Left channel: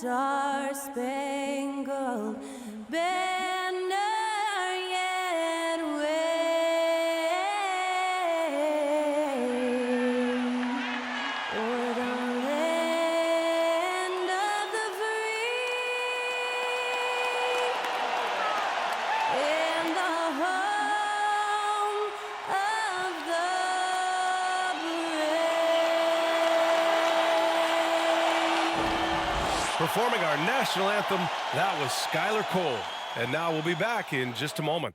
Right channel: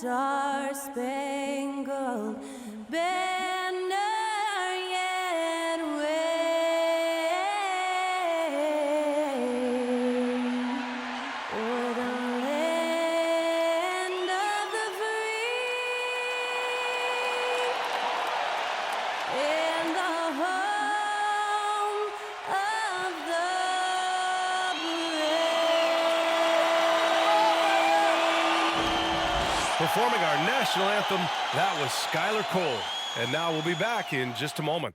star-spangled banner yet wave o'er the land of the free and the home of the brave. Performing our national anthem, that was Skylar Cole. And now we'll be back in just a moment.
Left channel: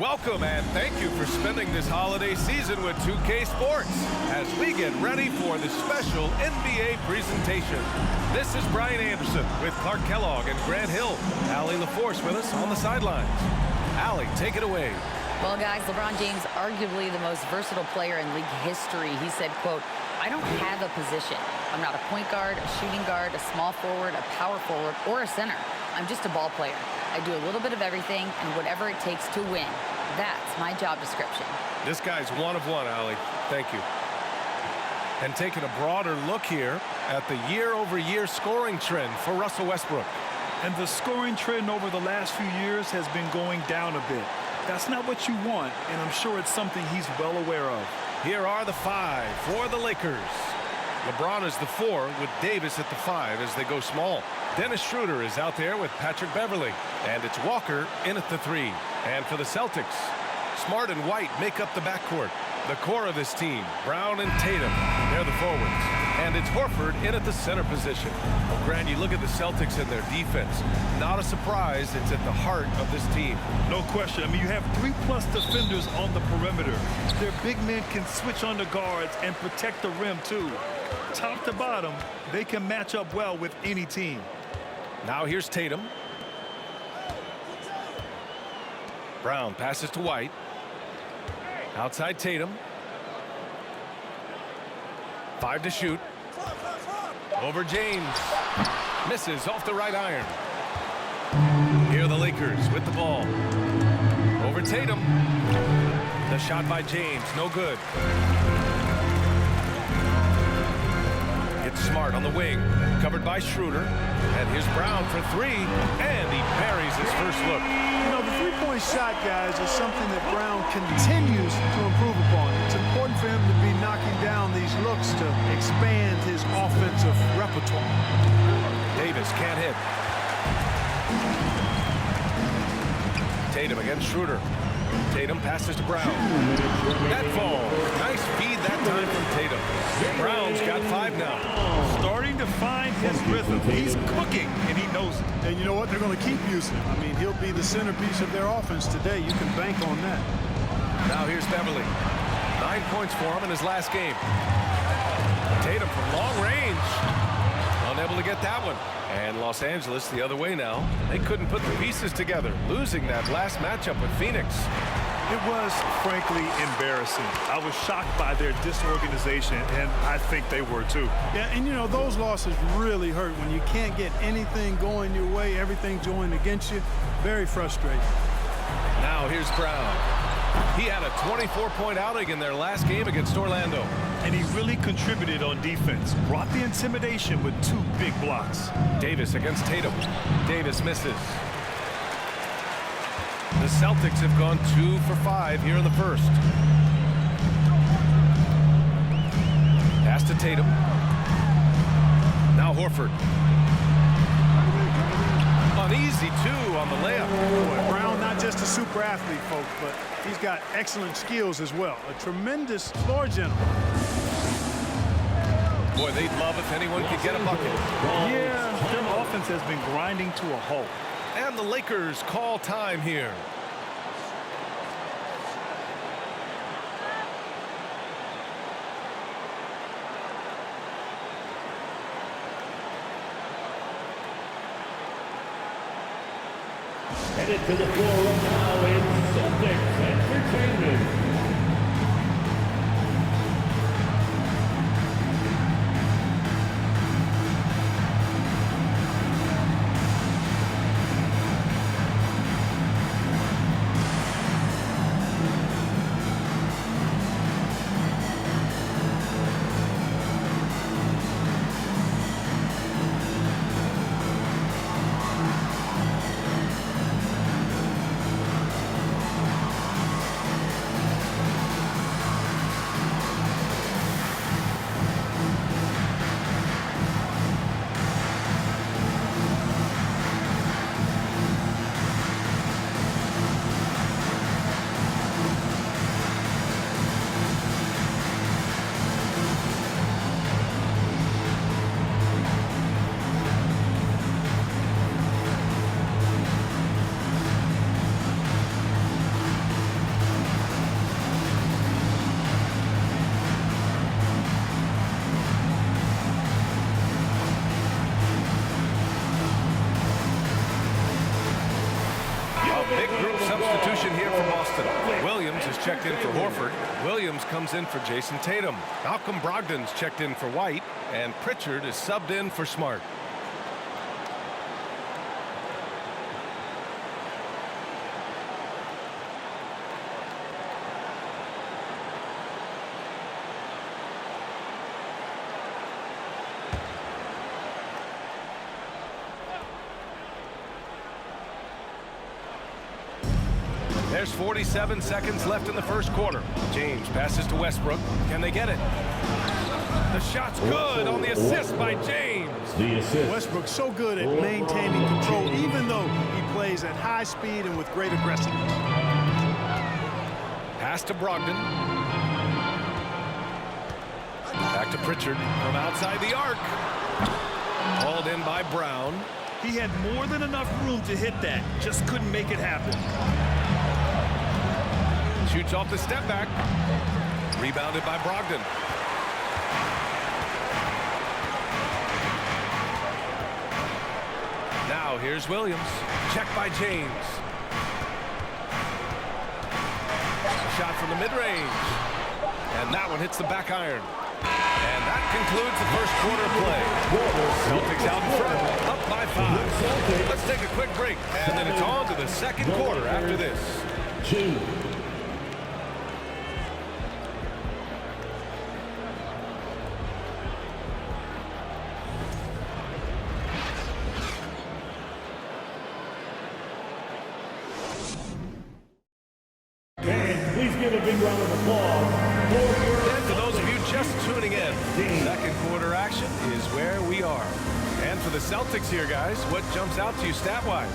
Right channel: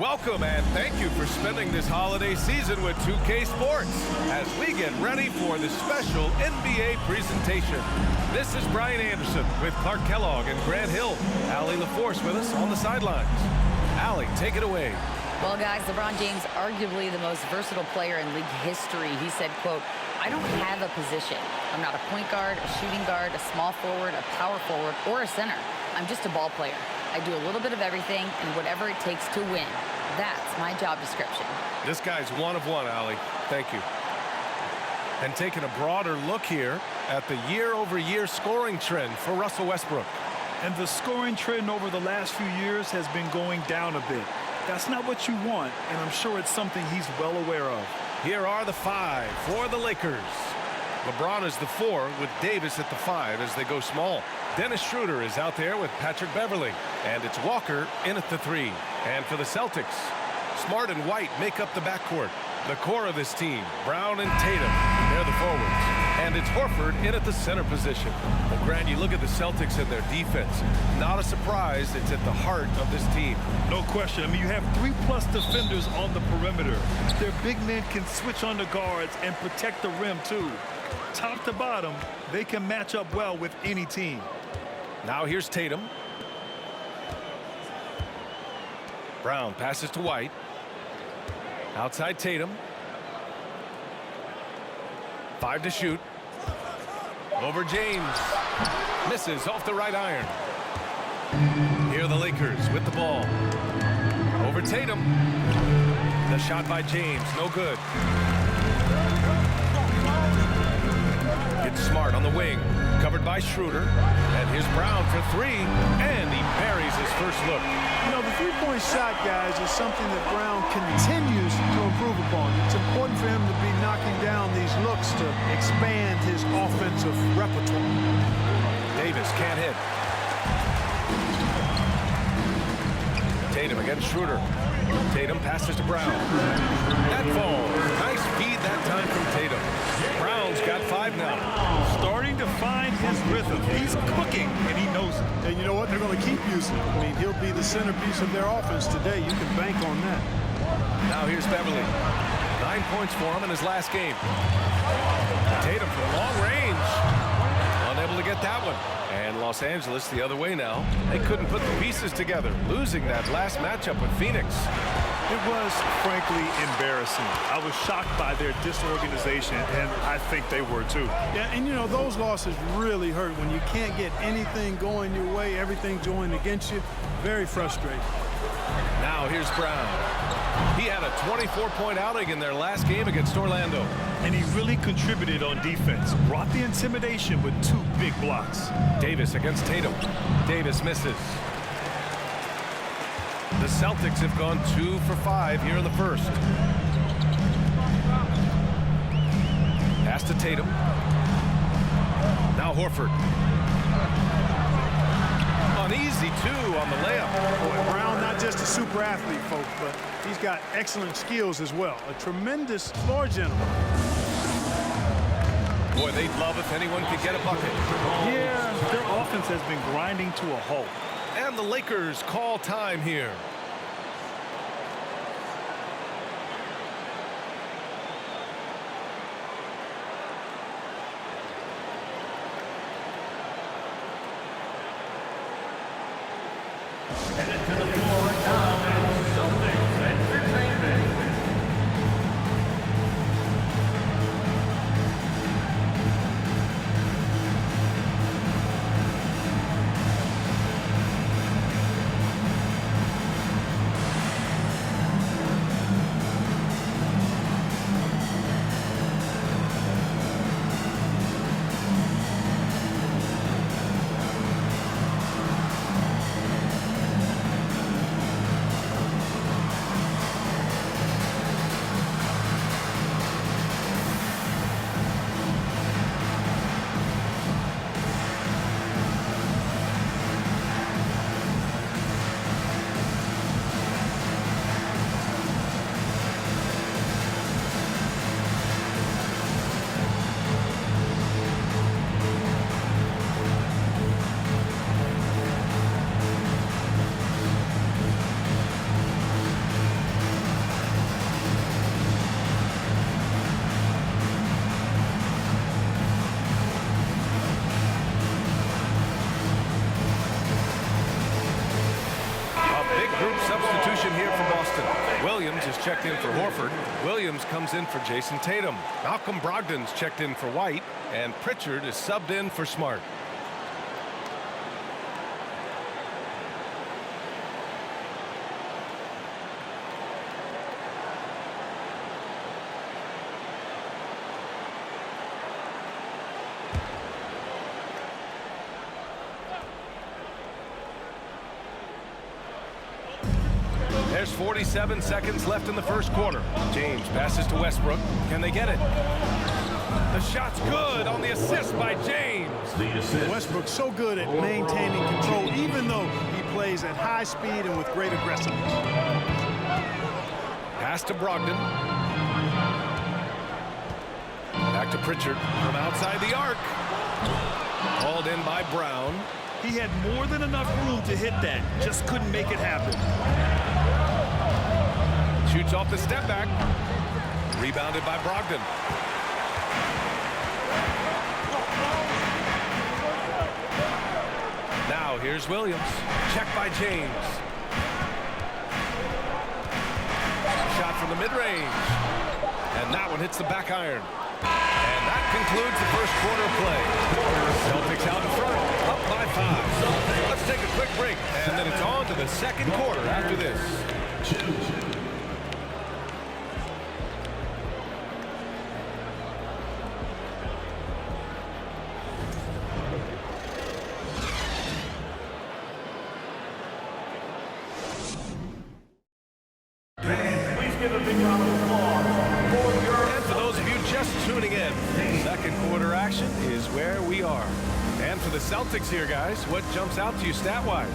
Welcome and thank you for spending this holiday season with 2K Sports as we get ready for the special NBA presentation. This is Brian Anderson with Clark Kellogg and Grant Hill. Allie LaForce with us on the sidelines. Allie, take it away. Well, guys, LeBron James, arguably the most versatile player in league history. He said, quote, "I don't have a position. I'm not a point guard, a shooting guard, a small forward, a power forward, or a center. I'm just a ball player. I do a little bit of everything and whatever it takes to win. That's my job description." This guy's one of one, Allie. Thank you. And taking a broader look here at the year-over-year scoring trend for Russell Westbrook. And the scoring trend over the last few years has been going down a bit. That's not what you want, and I'm sure it's something he's well aware of. Here are the five for the Lakers. LeBron is the 4 with Davis at the 5 as they go small. Dennis Schroeder is out there with Patrick Beverly. And it's Walker in at the 3. And for the Celtics, Smart and White make up the backcourt. The core of this team, Brown and Tatum, they're the forwards. And it's Horford in at the center position. Well, Grant, you look at the Celtics and their defense. Not a surprise, it's at the heart of this team. No question. I mean, you have 3+ defenders on the perimeter. Their big men can switch on the guards and protect the rim, too. Top to bottom, they can match up well with any team. Now here's Tatum. Brown passes to White. Outside Tatum. 5 to shoot. Over James. Misses off the right iron. Here are the Lakers with the ball. Over Tatum. The shot by James, no good. It's Smart on the wing, covered by Schroeder. And here's Brown for 3, and he buries his first look. You know, the three-point shot, guys, is something that Brown continues to improve upon. It's important for him to be knocking down these looks to expand his offensive repertoire. Davis can't hit. Tatum against Schroeder. Tatum passes to Brown. That falls. Nice feed that time from Tatum. Brown's got 5 now. Starting to find his rhythm. He's cooking, and he knows it. And you know what? They're going to keep using him. I mean, he'll be the centerpiece of their offense today. You can bank on that. Now here's Beverly. 9 points for him in his last game. Tatum from long range. Unable to get that one. And Los Angeles the other way now. They couldn't put the pieces together, losing that last matchup with Phoenix. It was, frankly, embarrassing. I was shocked by their disorganization, and I think they were too. Yeah, and you know, those losses really hurt when you can't get anything going your way, everything's going against you. Very frustrating. Now here's Brown. He had a 24-point outing in their last game against Orlando. And he really contributed on defense. Brought the intimidation with 2 big blocks. Davis against Tatum. Davis misses. The Celtics have gone 2 for 5 here in the first. Pass to Tatum. Now Horford. An easy 2 on the layup. Boy, Brown, not just a super athlete, folks, but he's got excellent skills as well. A tremendous floor general. Boy, they'd love if anyone could get a bucket. Yeah, their offense has been grinding to a halt. And the Lakers call time here. Headed to the floor right now is Celtics Entertainment. Big group substitution here for Boston. Williams is checked in for Horford. Williams comes in for Jason Tatum. Malcolm Brogdon's checked in for White. And Pritchard is subbed in for Smart. There's 47 seconds left in the first quarter. James passes to Westbrook. Can they get it? The shot's good on the assist by James. The assist. Westbrook's so good at maintaining control, even though he plays at high speed and with great aggressiveness. Pass to Brogdon. Back to Pritchard from outside the arc. Hauled in by Brown. He had more than enough room to hit that, just couldn't make it happen. Shoots off the step back. Rebounded by Brogdon. Now here's Williams. Checked by James. Shot from the mid-range. And that one hits the back iron. And that concludes the first quarter of play. Celtics out in front, up by 5. Let's take a quick break, and then it's on to the second quarter after this. 2. Please give a big round of applause. And for those of you just tuning in, second quarter action is where we are. And for the Celtics here, guys, what jumps out to you stat-wise?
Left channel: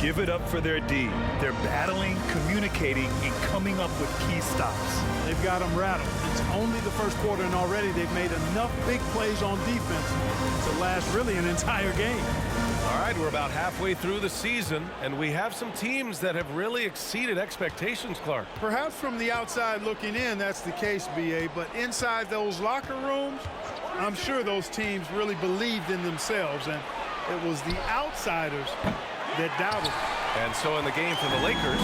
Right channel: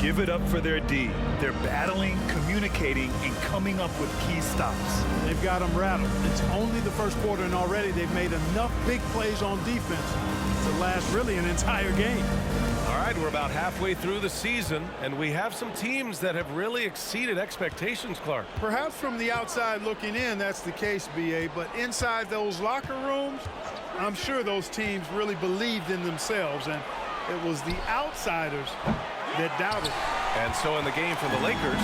Give it up for their D. They're battling, communicating, and coming up with key stops. They've got them rattled. It's only the first quarter, and already they've made enough big plays on defense to last really an entire game. All right, we're about halfway through the season, and we have some teams that have really exceeded expectations, Clark. Perhaps from the outside looking in, that's the case, B.A., but inside those locker rooms, I'm sure those teams really believed in themselves, and it was the outsiders that doubted. And so in the game for the Lakers,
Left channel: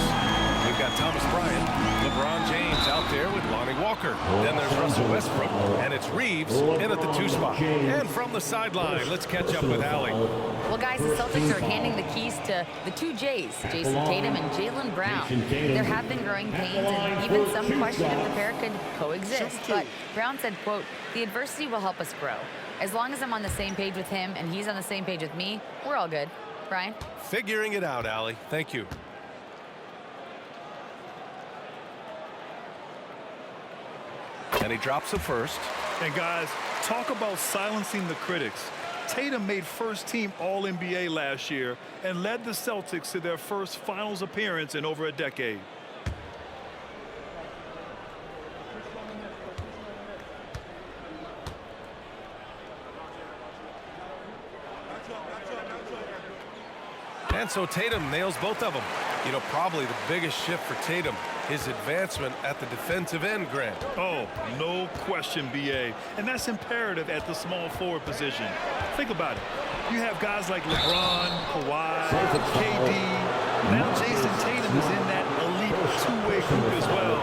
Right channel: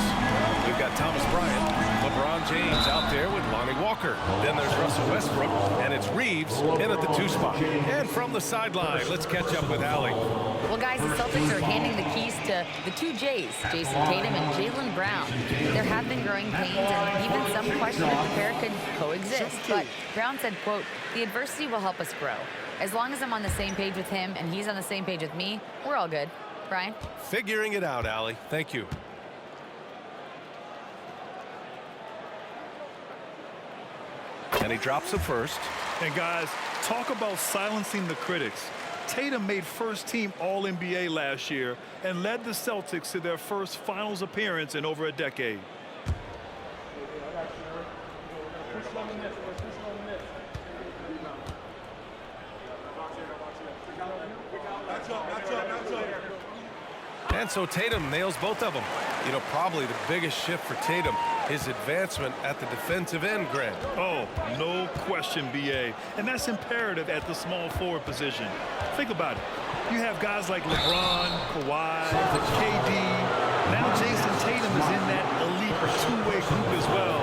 we've got Thomas Bryant, LeBron James out there with Lonnie Walker. Then there's Russell Westbrook, and it's Reeves in at the 2 spot. And from the sideline, let's catch up with Allie. Well, guys, the Celtics are handing the keys to the 2 J's, Jason Tatum and Jaylen Brown. There have been growing pains, and even some question if the pair could coexist. But Brown said, quote, "The adversity will help us grow. As long as I'm on the same page with him and he's on the same page with me, we're all good." Brian? Figuring it out, Allie. Thank you. And he drops the first. And guys, talk about silencing the critics. Tatum made first-team All-NBA last year and led the Celtics to their first finals appearance in over a decade. And so Tatum nails both of them. You know, probably the biggest shift for Tatum, his advancement at the defensive end, Grant. Oh, no question, B.A. And that's imperative at the small forward position. Think about it. You have guys like LeBron, Kawhi, KD. Now Jason Tatum is in that elite two-way group as well.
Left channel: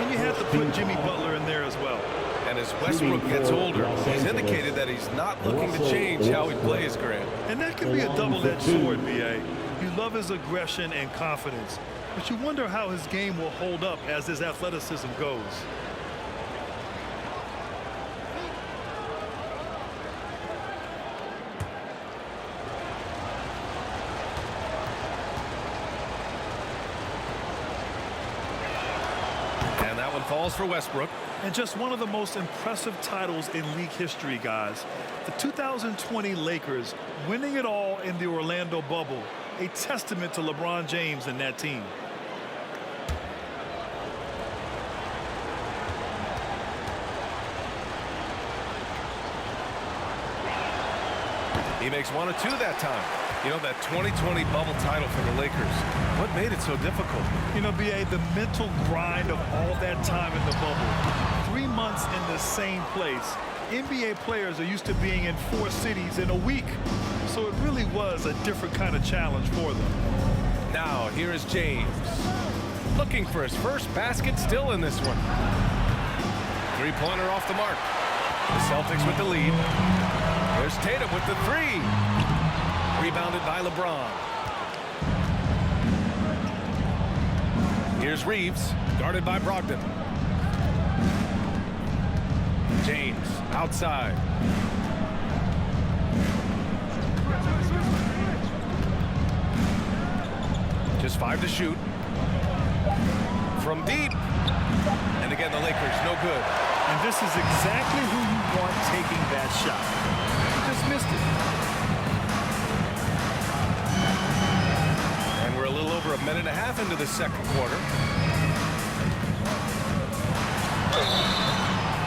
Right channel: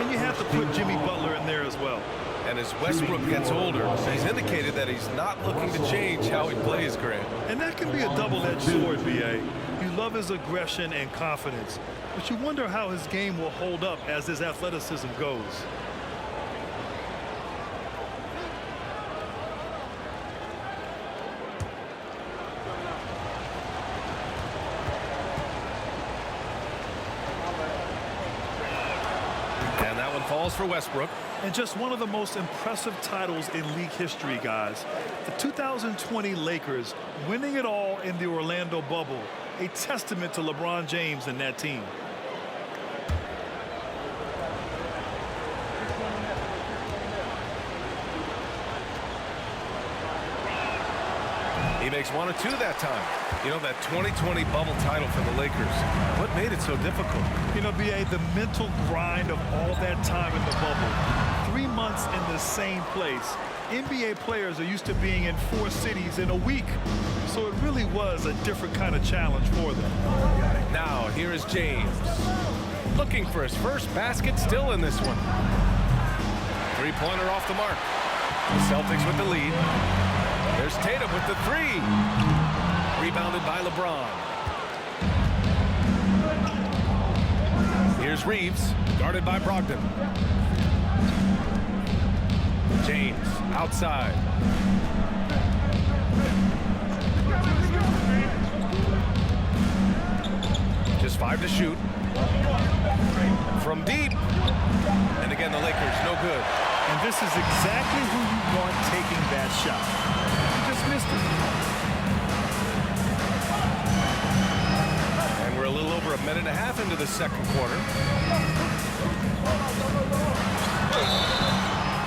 And you have to put Jimmy Butler in there as well. And as Westbrook gets older, he's indicated that he's not looking to change how he plays, Grant. And that can be a double-edged sword, B.A. You love his aggression and confidence, but you wonder how his game will hold up as his athleticism goes. And that one falls for Westbrook. And just one of the most impressive titles in league history, guys. The 2020 Lakers winning it all in the Orlando bubble. A testament to LeBron James and that team. He makes 1 of 2 that time. You know, that 2020 bubble title for the Lakers. What made it so difficult? You know, B.A., the mental grind of all that time in the bubble. 3 months in the same place. NBA players are used to being in 4 cities in a week. So it really was a different kind of challenge for them. Now, here is James. Looking for his first basket still in this one. Three-pointer off the mark. The Celtics with the lead. There's Tatum with the 3. Rebounded by LeBron. Here's Reeves, guarded by Brogdon. James, outside. Just 5 to shoot. From deep. And again, the Lakers, no good. And this is exactly who you want taking that shot. He just missed it. And we're a little over a minute and a half into the second quarter.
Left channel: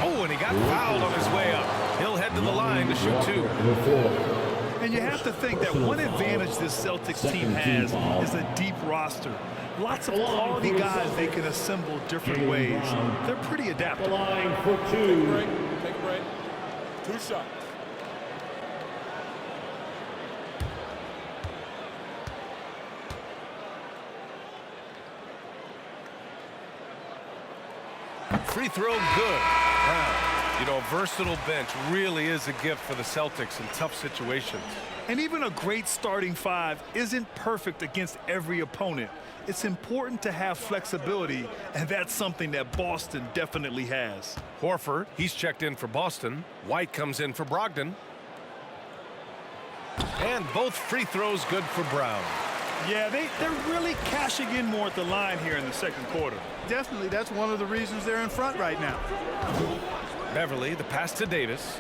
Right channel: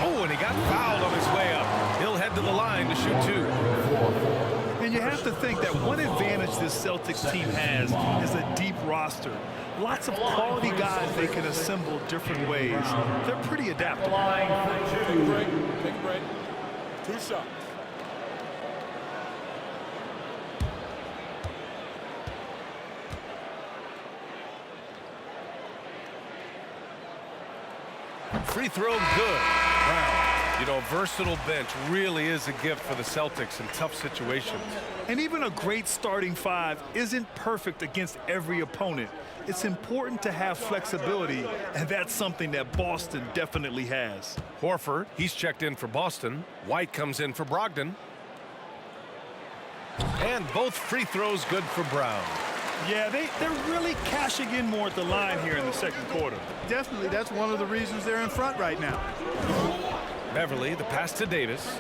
Oh, and he got fouled on his way up. He'll head to the line to shoot 2. And you have to think that one advantage this Celtics team has is a deep roster. Lots of quality guys they can assemble different ways. They're pretty adaptable. Line for 2. Take a break. Take a break. 2 shots. Free throw good. Brown. You know, a versatile bench really is a gift for the Celtics in tough situations. And even a great starting 5 isn't perfect against every opponent. It's important to have flexibility, and that's something that Boston definitely has. Horford, he's checked in for Boston. White comes in for Brogdon. And both free throws good for Brown. Yeah, they're really cashing in more at the line here in the second quarter. Definitely, that's one of the reasons they're in front right now. Beverly, the pass to Davis.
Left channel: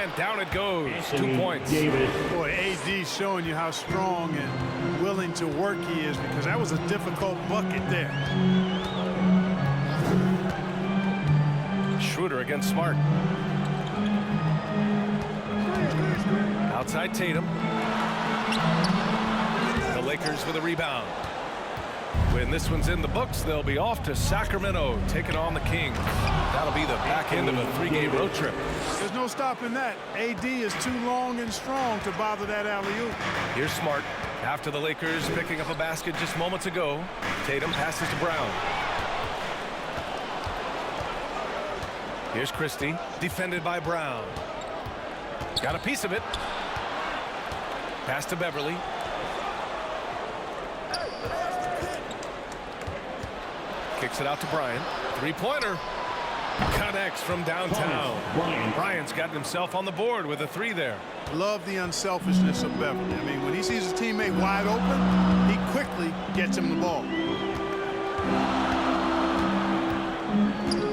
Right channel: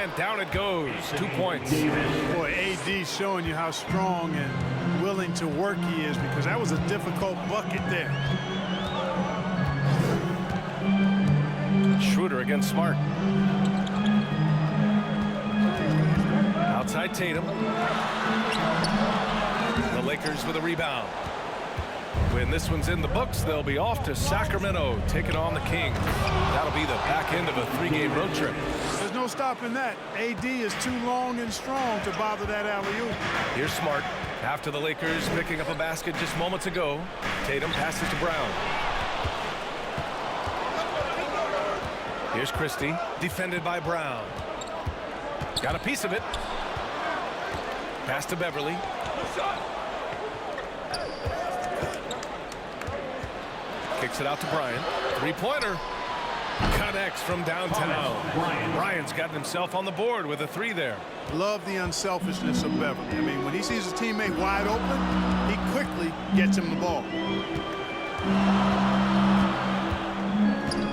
And down it goes. 2 points. Boy, AD showing you how strong and willing to work he is, because that was a difficult bucket there. Schroeder against Smart. Outside Tatum. The Lakers with a rebound. When this one's in the books, they'll be off to Sacramento, taking on the Kings. That'll be the back end of a 3-game road trip. There's no stopping that. AD is too long and strong to bother that alley-oop. Here's Smart. After the Lakers picking up a basket just moments ago, Tatum passes to Brown. Here's Christie, defended by Brown. Got a piece of it. Pass to Beverly. Kicks it out to Bryant. 3-pointer. Connects from downtown. Bryant's gotten himself on the board with a 3 there. Love the unselfishness of Beverly. I mean, when he sees his teammate wide open, he quickly gets him the ball.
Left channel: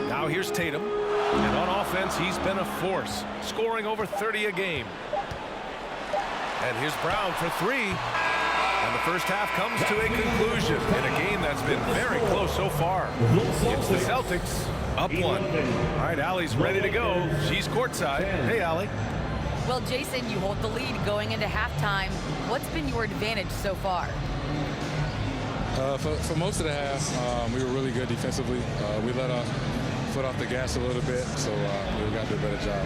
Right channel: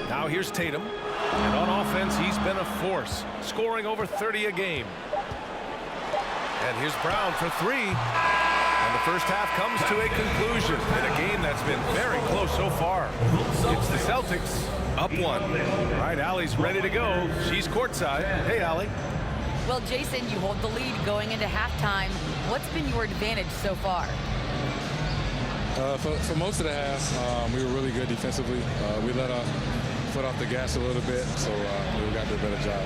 Now here's Tatum. And on offense, he's been a force, scoring over 30 a game. And here's Brown for 3. And the first half comes to a conclusion in a game that's been very close so far. It's the Celtics up 1. All right, Allie's ready to go. She's courtside. Hey, Allie. Well, Jason, you hold the lead going into halftime. What's been your advantage so far? For most of the half, we were really good defensively. We let our foot off the gas a little bit, so we got to do a better job.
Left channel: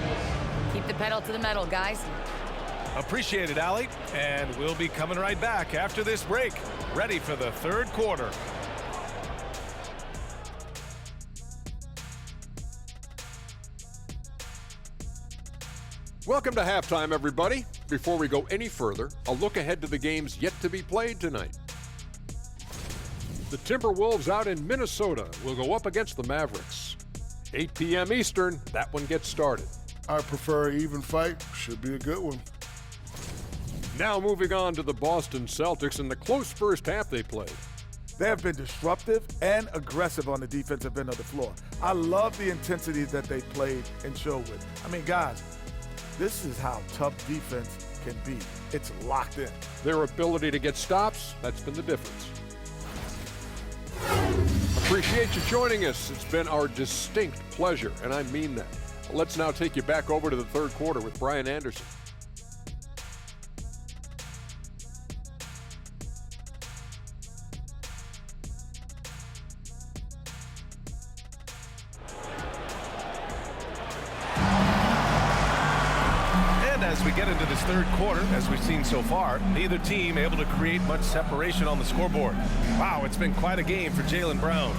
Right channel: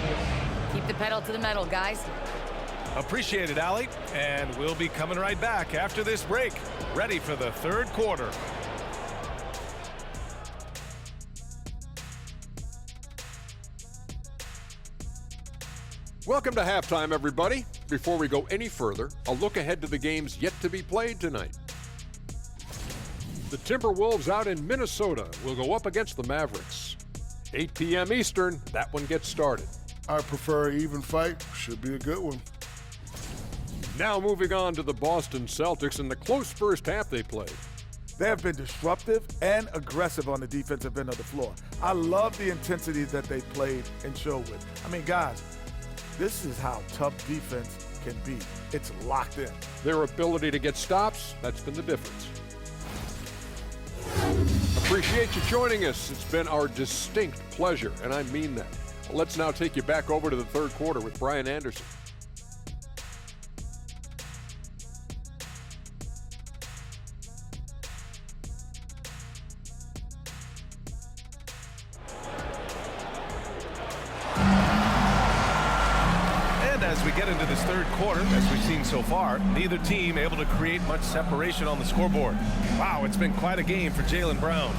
Keep the pedal to the metal, guys. Appreciate it, Allie. And we'll be coming right back after this break, ready for the third quarter. Welcome to halftime, everybody. Before we go any further, a look ahead to the games yet to be played tonight. The Timberwolves out in Minnesota will go up against the Mavericks. 8 p.m. Eastern, that one gets started. I prefer an even fight. Should be a good one. Now moving on to the Boston Celtics and the close first half they played. They have been disruptive and aggressive on the defensive end of the floor. I love the intensity that they played and showed with. I mean, guys, this is how tough defense can be. It's locked in. Their ability to get stops, that's been the difference. Appreciate you joining us. It's been our distinct pleasure, and I mean that. Let's now take you back over to the third quarter with Brian Anderson. And as we get into this third quarter, as we've seen so far, neither team able to create much separation on the scoreboard. Wow, it's been quite a game for Jaylen Brown.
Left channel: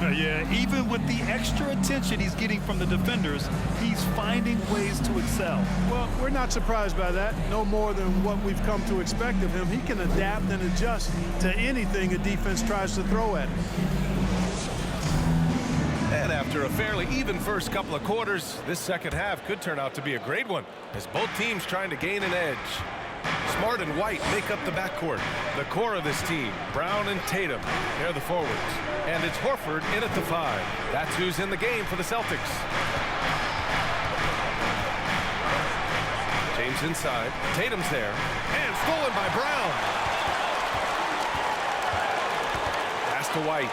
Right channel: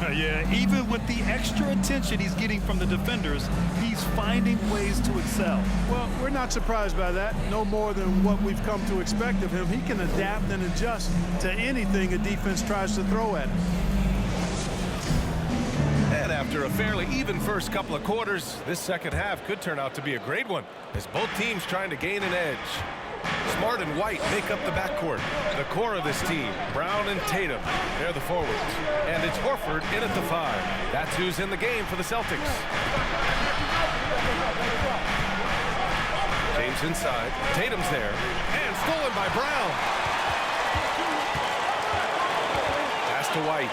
Yeah, even with the extra attention he's getting from the defenders, he's finding ways to excel. Well, we're not surprised by that. No more than what we've come to expect of him. He can adapt and adjust to anything a defense tries to throw at him. And after a fairly even first couple of quarters, this second half could turn out to be a great one, as both teams trying to gain an edge. Smart and White make up the backcourt. The core of this team, Brown and Tatum, they're the forwards. And it's Horford in at the 5. That's who's in the game for the Celtics. James inside. Tatum's there. And stolen by Brown. Pass to White.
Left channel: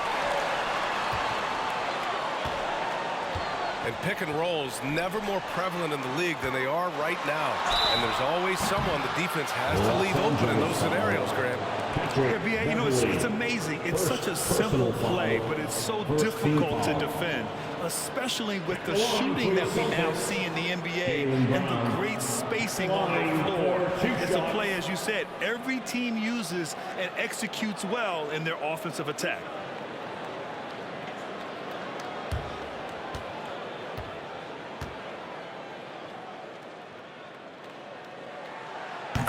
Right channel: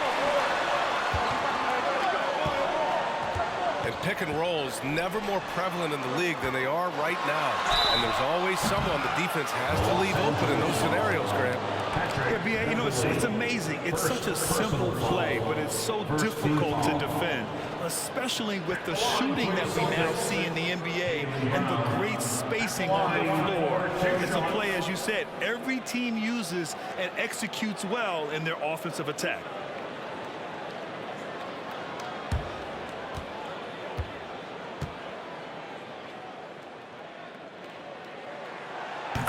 And pick and rolls never more prevalent in the league than they are right now. And there's always someone the defense has to leave open in those scenarios, Grant. Yeah, B.A., you know, it's amazing. It's such a simple play, but it's so difficult to defend, especially with the shooting that we now see in the NBA and the great spacing on the floor. It's a play, as you said, every team uses and executes well in their offensive attack.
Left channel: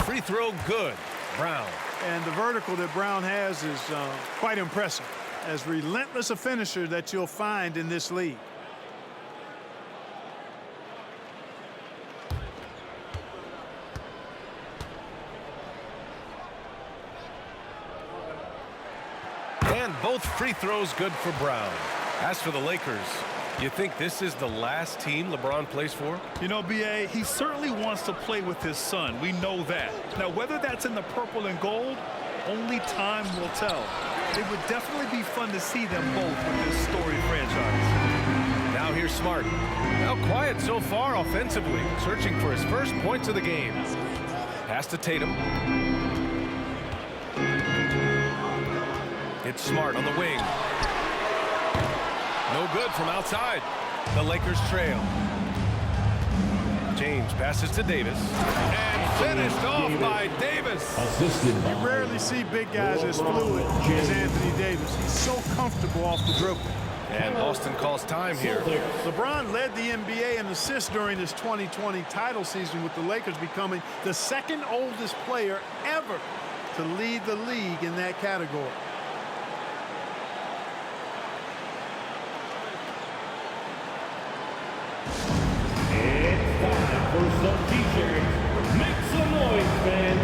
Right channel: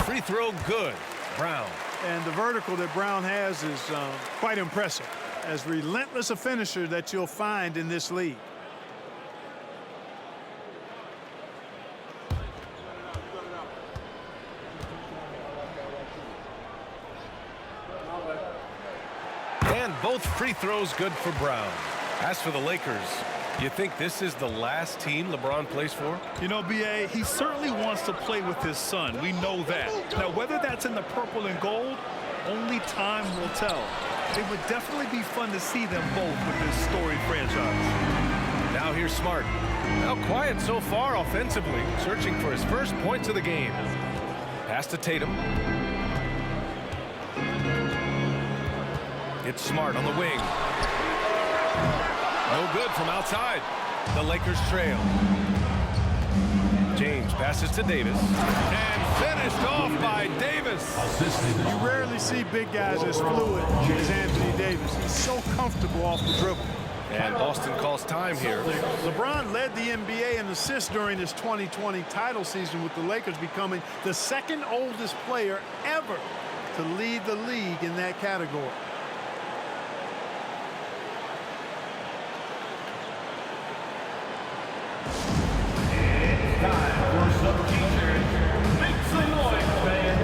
Free throw good. Brown. And the vertical that Brown has is quite impressive. As relentless a finisher that you'll find in this league. And both free throws good for Brown. As for the Lakers, you think this is the last team LeBron plays for? You know, B.A., he certainly wants to play with his son. We know that. Now, whether that's in the purple and gold, only time will tell. It would definitely be fun to see them both with this storied franchise. Now here's Smart. Now quiet so far offensively, searching for his first points of the game. Pass to Tatum. It's Smart on the wing. No good from outside. The Lakers trail. James passes to Davis. And finished off by Davis. You rarely see big guys as fluid as Anthony Davis. He's so comfortable off the dribble. And Boston calls time here. LeBron led the NBA in assists during his 2020 title season, with the Lakers becoming the second oldest player ever to lead the league in that category. Time for some t-shirts. Make some noise, fans.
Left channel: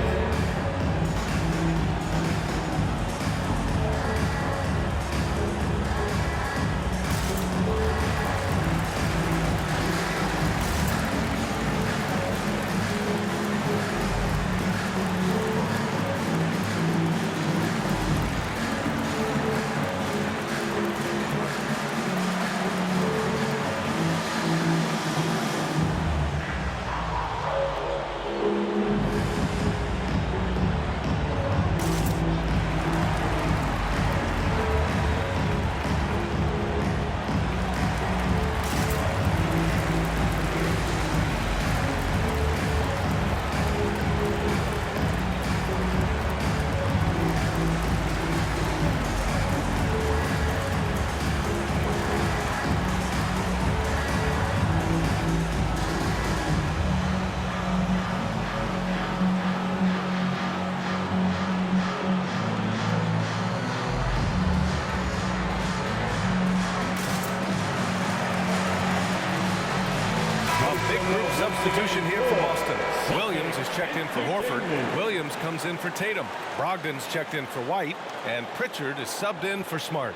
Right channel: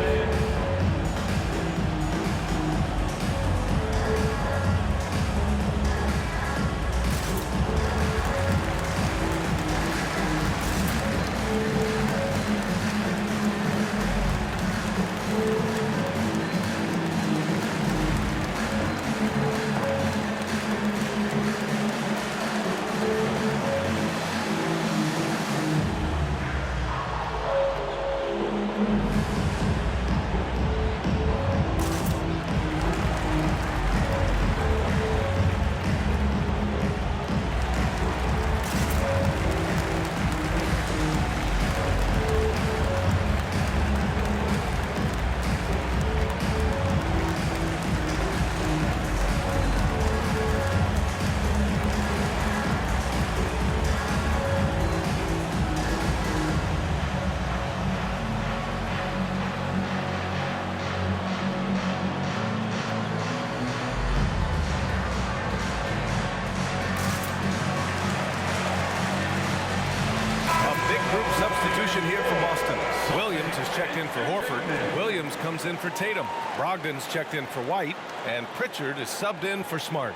Big group substitution here for Boston. Williams is checked in for Horford. Williams comes in for Tatum. Brogdon's checked in for White. And Pritchard is subbed in for Smart.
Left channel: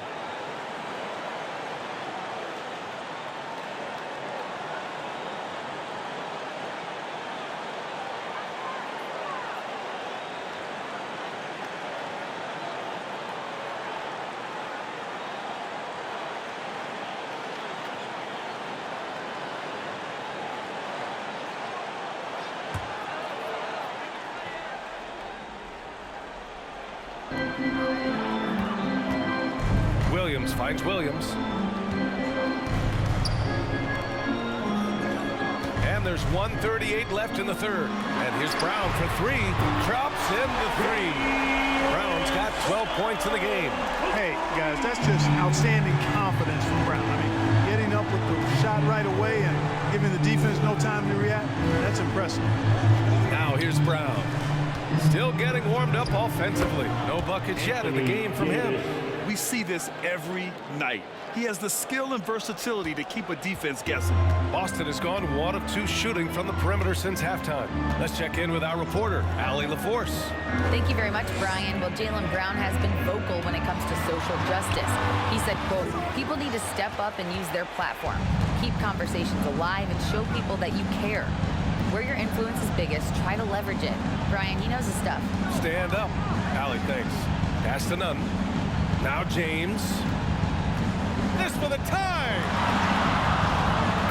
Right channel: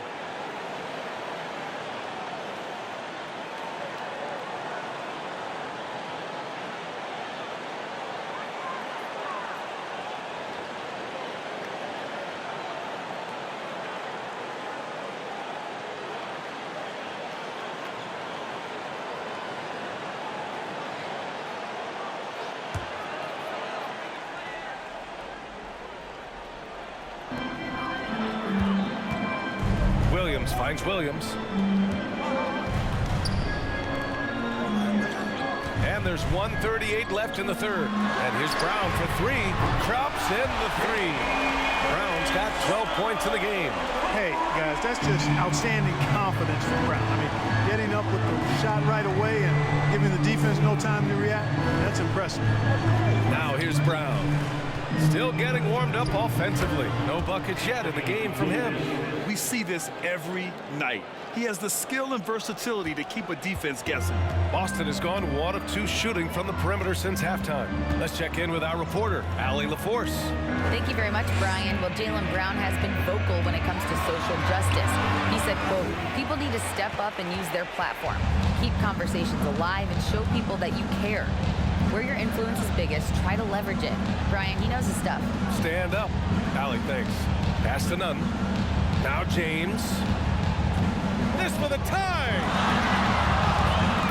Williams finds Williams. And there's 1:38 left in the third. And here's Brown for three. Drops in the three. Brown's got 12 points in the game. Hey, guys, that's just outstanding confidence from Brown. I mean, getting up with the shot right away and giving the defense no time to react, that's impressive. Now here's Brown. Still getting warmed up offensively. No buckets yet in the game from him. We see this every night. He has the skill and versatility to keep a defense guessing. Boston has gone 1 of 2 shooting from the perimeter since halftime. Let's check in with our reporter, Allie LaForce. Thank you very much, Brian. Well, Jaylen Brown has been vocal when it comes to social justice. He said, quote, people need to step up and use their platform. Keep conversations alive and show people that you care. Where your influence is biggest, try to leverage it. Brian, he knows his stuff. Stand up. Allie, thanks. Pass to none. Now James. This for the tie.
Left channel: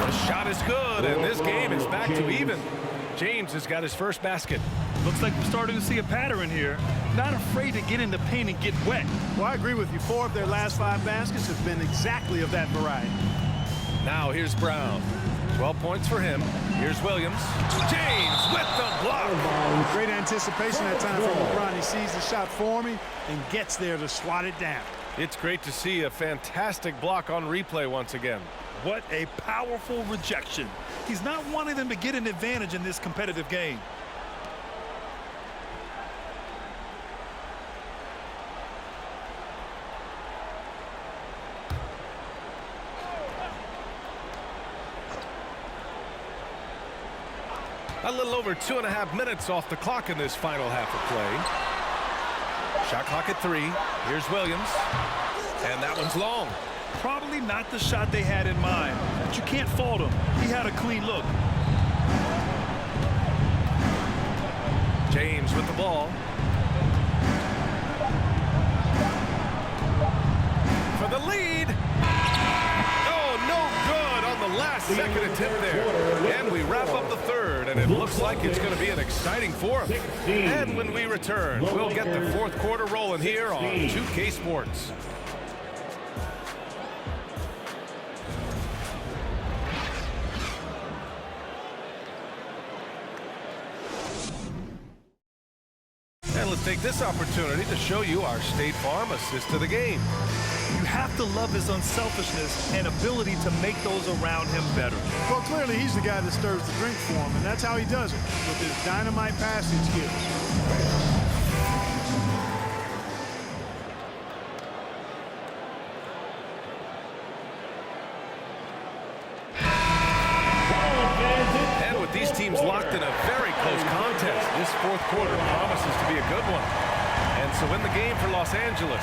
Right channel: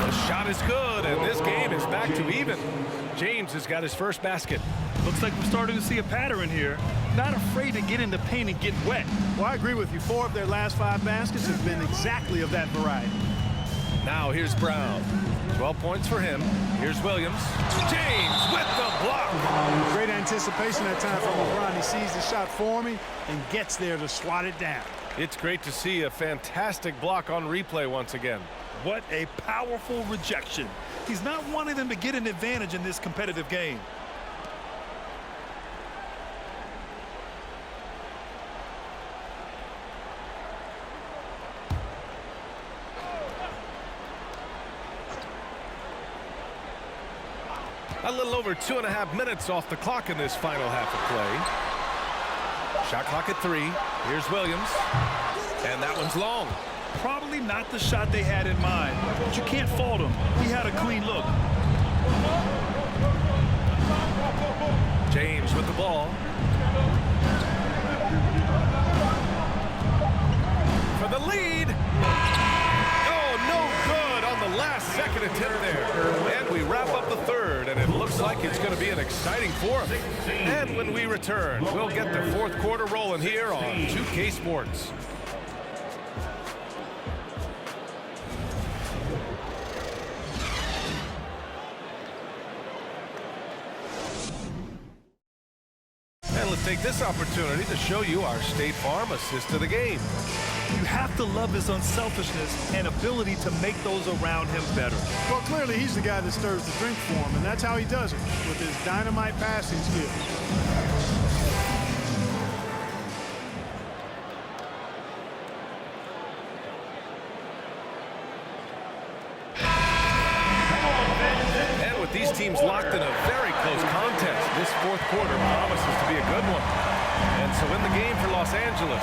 The shot is good, and this game is back to even. James has got his first basket. Looks like we're starting to see a pattern here. Not afraid to get in the paint and get wet. Well, I agree with you. 4 of their last 5 baskets have been exactly of that variety. Now here's Brown. 12 points for him. Here's Williams. James with the block. Great anticipation that time from LeBron. He sees the shot forming and gets there to swat it down. It's great to see a fantastic block on replay once again. What a powerful rejection. He's not wanting them to get an advantage in this competitive game. A little over 2.5 minutes off the clock in this final half of play. Shot clock at 3. Here's Williams. And that one's long. Probably not the shot they had in mind, but you can't fault him. He had a clean look. James with the ball. For the lead. Oh, no good on the last second attempt there. And we wrap up the third, and it looks like it's going to be an exciting fourth. And when we return, we'll get the fourth quarter rolling here on 2K Sports. And let's take this opportunity to show you our State Farm assist to the game. You have to love his unselfishness and ability to make those around him better. Well, clearly he's the guy that stirs the drink for him, and that's how he does it, with his dynamite passing skills. And with these teams locked in a very close contest, this fourth quarter promises to be a good one. And so in the game for Los Angeles,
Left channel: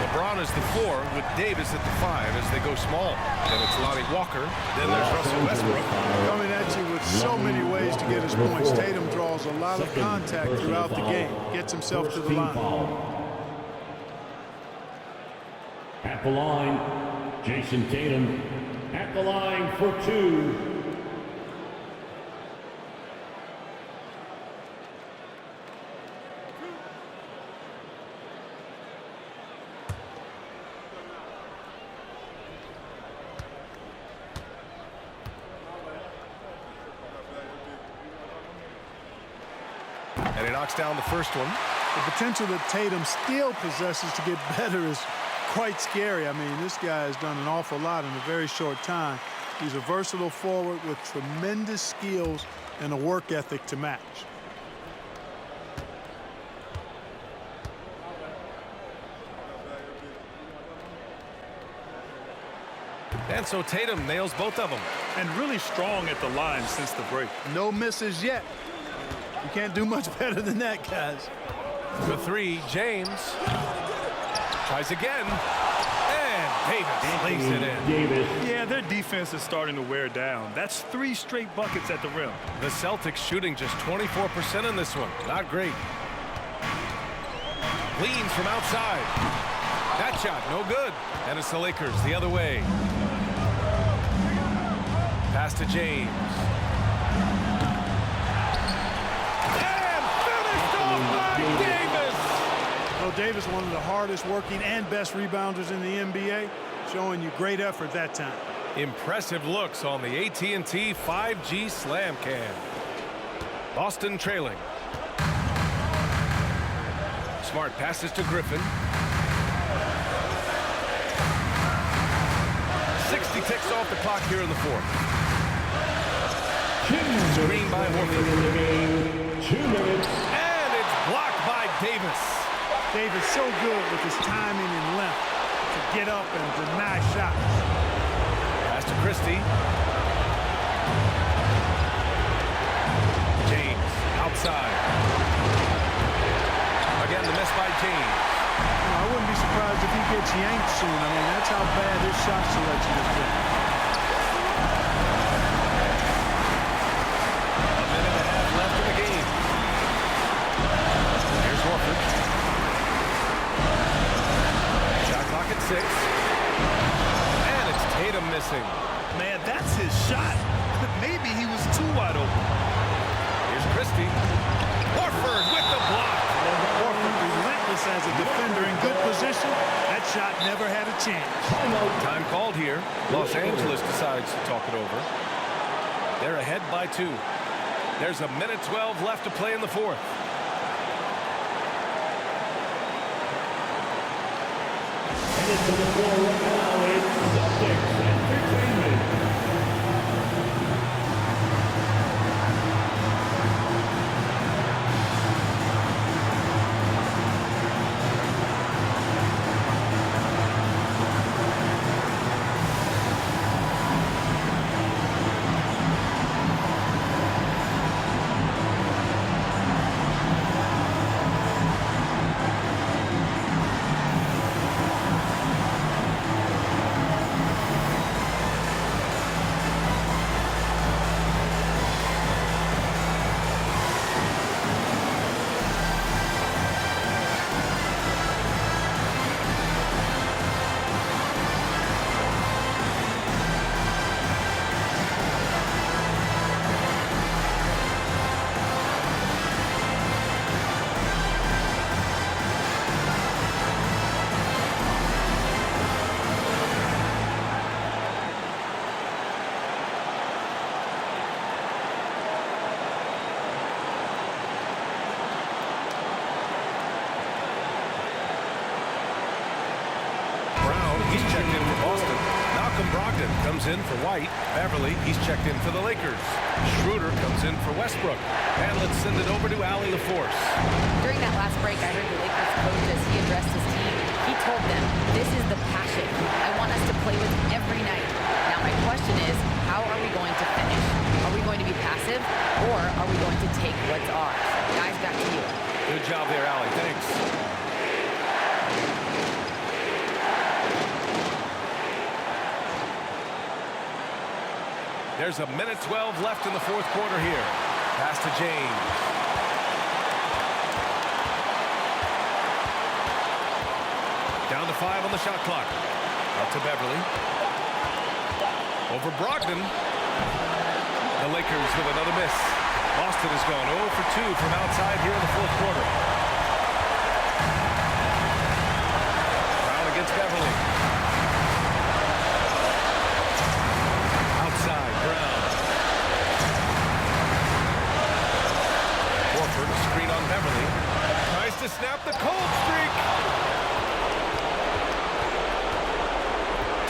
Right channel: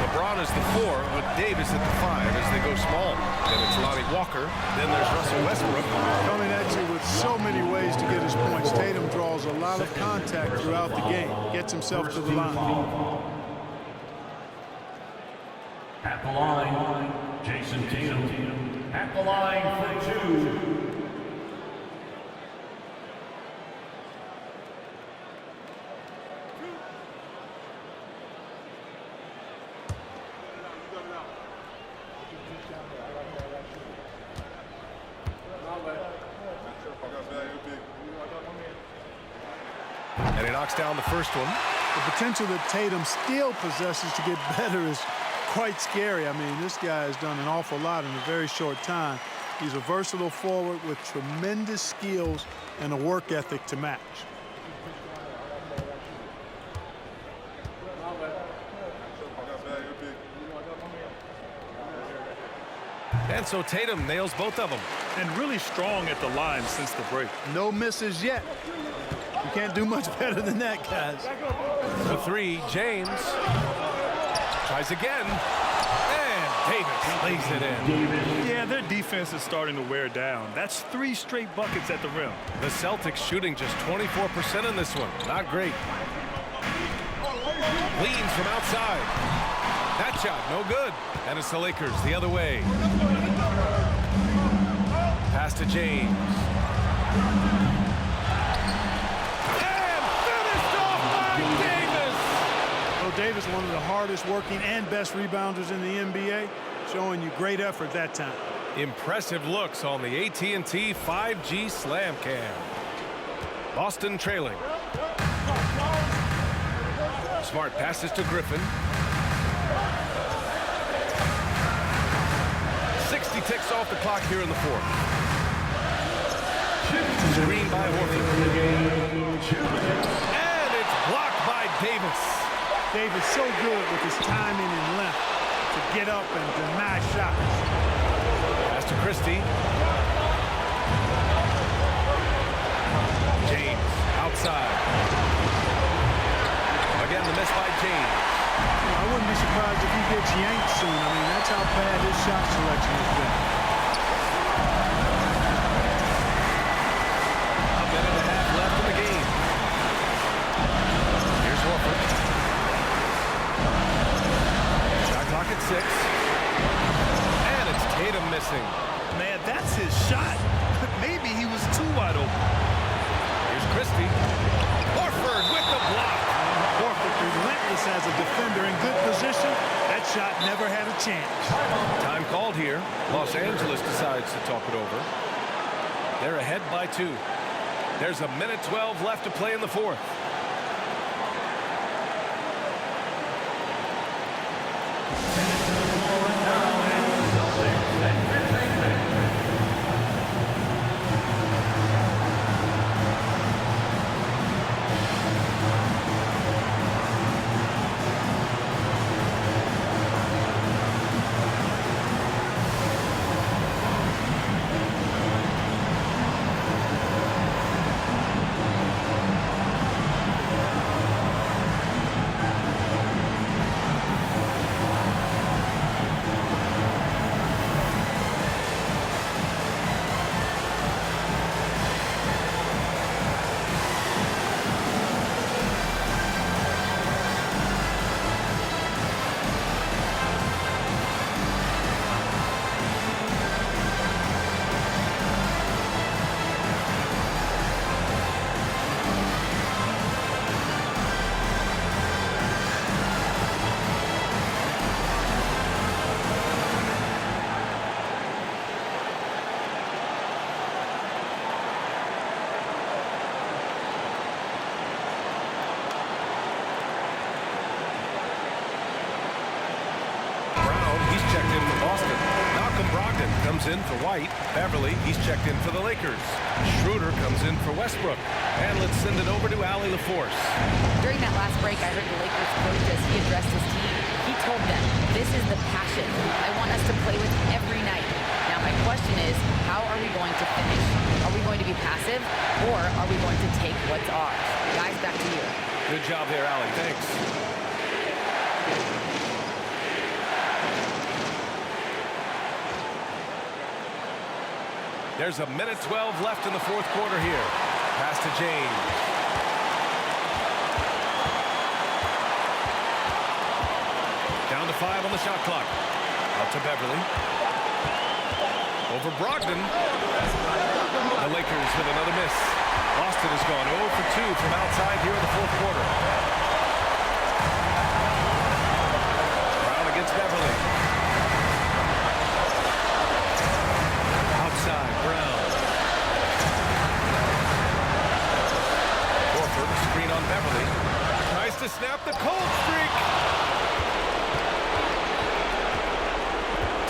LeBron is the 4 with Davis at the 5 as they go small. Then it's Lonnie Walker. Then there's Russell Westbrook. Coming at you with so many ways to get his points. Tatum draws a lot of contact throughout the game. Gets himself to the line. At the line, Jason Tatum. At the line for 2. And he knocks down the first one. The potential that Tatum still possesses to get better is quite scary. I mean, this guy has done an awful lot in a very short time. He's a versatile forward with tremendous skills and a work ethic to match. And so Tatum nails both of them. and really strong at the line since the break. No misses yet. You can't do much better than that, guys. For three, James tries again, and Davis lays it in. Yeah, their defense is starting to wear down. That's 3 straight buckets at the rim. The Celtics shooting just 24% in this one. Not great. Leans from outside. That shot, no good. And it's the Lakers the other way. Pass to James. And finished off by Davis. Well, Davis, one of the hardest working and best rebounders in the NBA, showing you great effort that time. Impressive looks on the AT&T 5G Slam Cam. Boston trailing. Smart passes to Griffin. 60 ticks off the clock here in the fourth. Screen by Horford. 2 minutes. And it's blocked by Davis. Davis so good with his timing and length to get up and deny shots. Pass to Christie. James outside. Again, the miss by James. I wouldn't be surprised if he gets yanked soon. I mean, that's how bad his shot selection has been. A minute and a half left in the game. Here's Horford. Shot clock at 6. And it's Tatum missing. Man, that's his shot. Maybe he was too wide open. Here's Christie. Horford with the block. Horford relentless as a defender in good position. That shot never had a chance. Time called here. Los Angeles decides to talk it over. They're ahead by 2. There's a minute 12 left to play in the fourth. Minutes to the floor right now. It's Celtics Entertainment. He's checked in for Boston. Malcolm Brogdon comes in for White. Beverly, he's checked in for the Lakers. Schroeder comes in for Westbrook. And let's send it over to Allie LaForce. During that last break, I heard the Lakers coach as he addressed his team. He told them, this is the passion I want us to play with every night. Now my question is, how are we going to finish? Are we going to be passive, or are we going to take what's ours? Guys, back to you. Good job there, Allie. Thanks. There's a minute 12 left in the fourth quarter here. Pass to James. Down to 5 on the shot clock. Out to Beverly. Over Brogdon. The Lakers with another miss. Boston has gone 0 for 2 from outside here in the fourth quarter. Brown against Beverly. Outside, Brown. Horford, a screen on Beverly. Tries to snap the cold streak.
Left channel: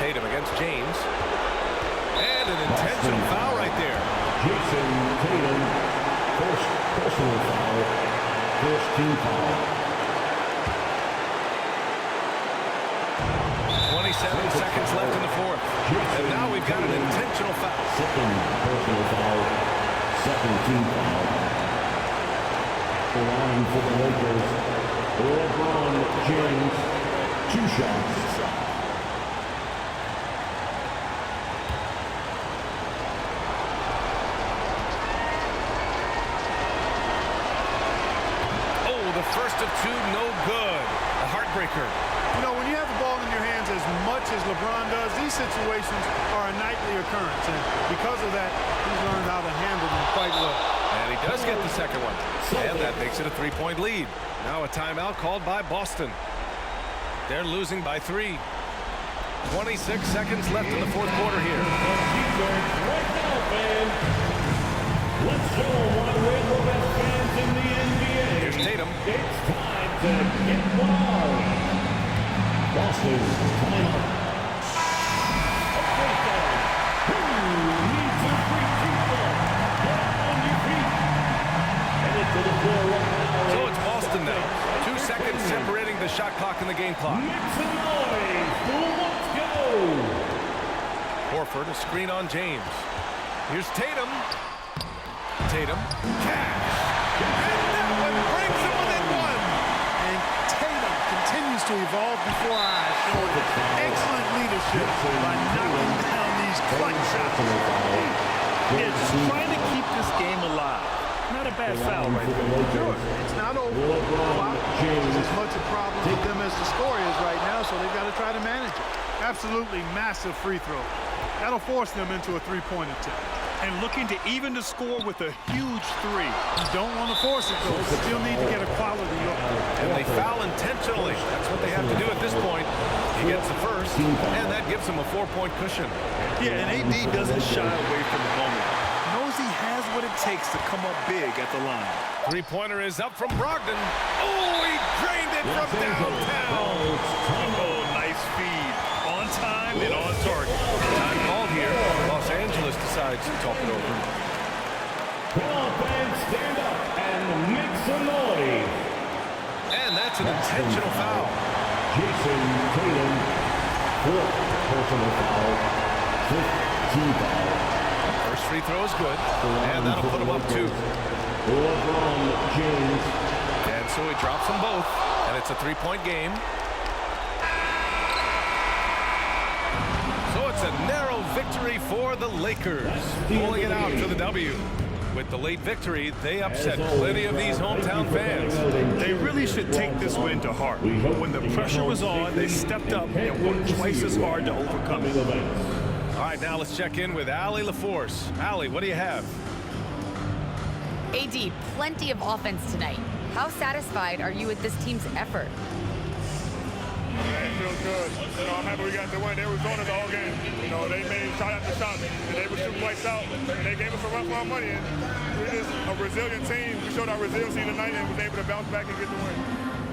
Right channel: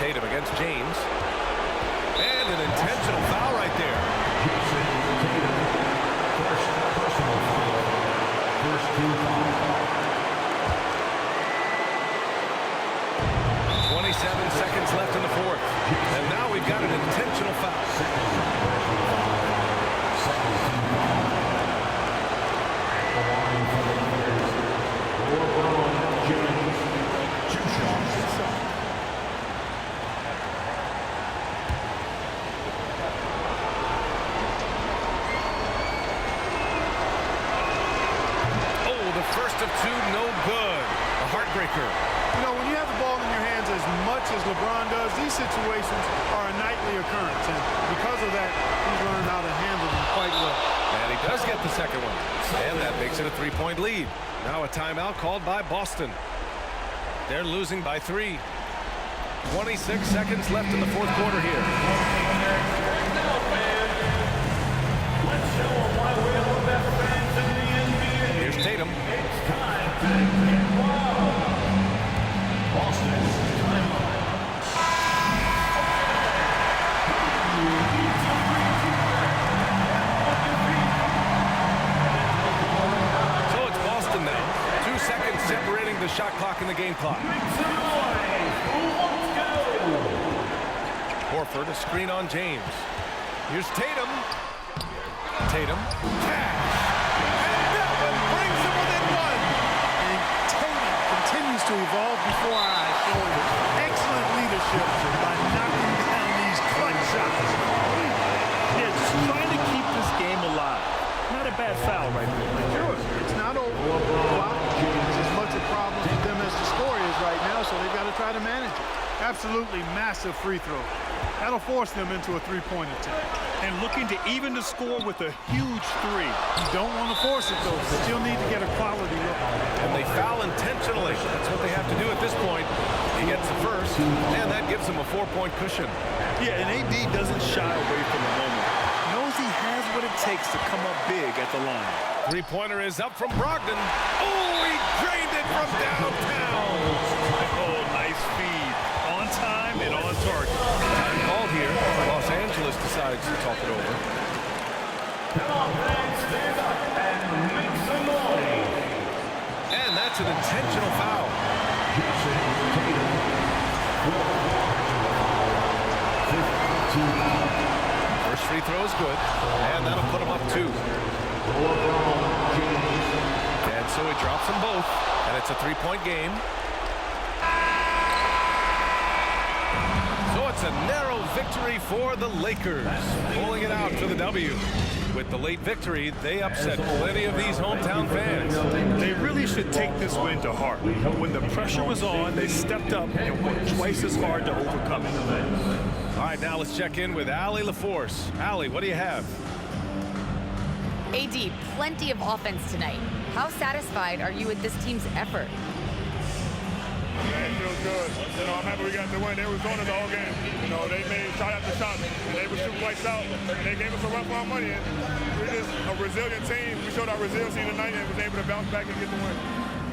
Tatum against James. And an intentional foul right there. Jason Tatum, first personal foul, first team foul. 27 seconds left in the fourth. And now we've got an intentional foul. Second personal foul. Second team foul. At the line for the Lakers, LeBron James. 2 shots. Oh, the first of 2, no good. A heartbreaker. You know, when you have the ball in your hands as much as LeBron does, these situations are a nightly occurrence. And because of that, he's learned how to handle them quite well. And he does get the second one. And that makes it a 3-point lead. Now a timeout called by Boston. They're losing by 3. 26 seconds left in the fourth quarter here. Let's show why we're the best fans in the NBA. Here's Tatum. It's time to get wild. Boston, timeout. Who needs a free keeper? Get on your feet. Headed to the floor right now. So it's Boston now. 2 seconds separating the shot clock and the game clock. Make some noise. Let's go. Horford, a screen on James. Here's Tatum. Tatum, cash. And that one brings him within 1. And Tatum continues to evolve before our eyes, showing excellent leadership by knocking down these clutch shots. Yeah, just trying to keep this game alive. Not a bad foul right there. Sure, it's not over. The clock is as much a problem for them as the score is right now, so they've got to try to manage it. Absolutely massive free throw. That'll force them into a three-point attempt. And looking to even the score with a huge 3. You don't want to force it, though. Still need to get a quality look. And they foul intentionally. That's what they have to do at this point. He gets the first, and that gives him a 4-point cushion. Yeah, and AD doesn't shy away from the moment. Knows he has what it takes to come up big at the line. Three-pointer is up from Brogdon. Oh, he drained it from downtown. Oh, nice feed. On time and on target. Time called here. Los Angeles decides to talk it over. Come on, fans, stand up and make some noise. And that's an intentional foul. Jason Tatum, 4th personal foul, 5th team foul. First free throw is good, and that'll put him up 2. LeBron James. And so he drops them both, and it's a 3-point game. So it's a narrow victory for the Lakers, pulling it out for the W. With the late victory, they upset plenty of these hometown fans. They really should take this win to heart. When the pressure was on, they stepped up and worked twice as hard to overcome it. All right, now let's check in with Allie LaForce. Allie, what do you have? AD, plenty of offense tonight. How satisfied are you with this team's effort? Man, it feels good. You know, I'm happy we got the win. They were on us all game. You know, they made shot after shot, and they were shooting lights out, and they gave us a run for our money. And we're just a resilient team. We showed our resiliency tonight and was able to bounce back and get the win.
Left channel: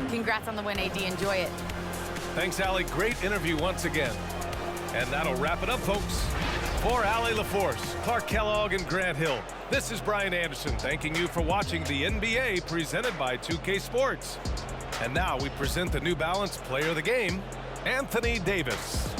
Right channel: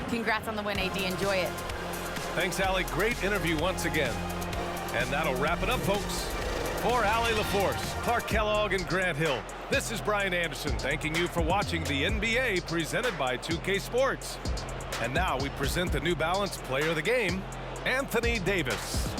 Congrats on the win, AD. Enjoy it. Thanks, Allie. Great interview once again. And that'll wrap it up, folks. For Allie LaForce, Clark Kellogg, and Grant Hill, this is Brian Anderson thanking you for watching the NBA presented by 2K Sports. And now we present the New Balance Player of the Game, Anthony Davis.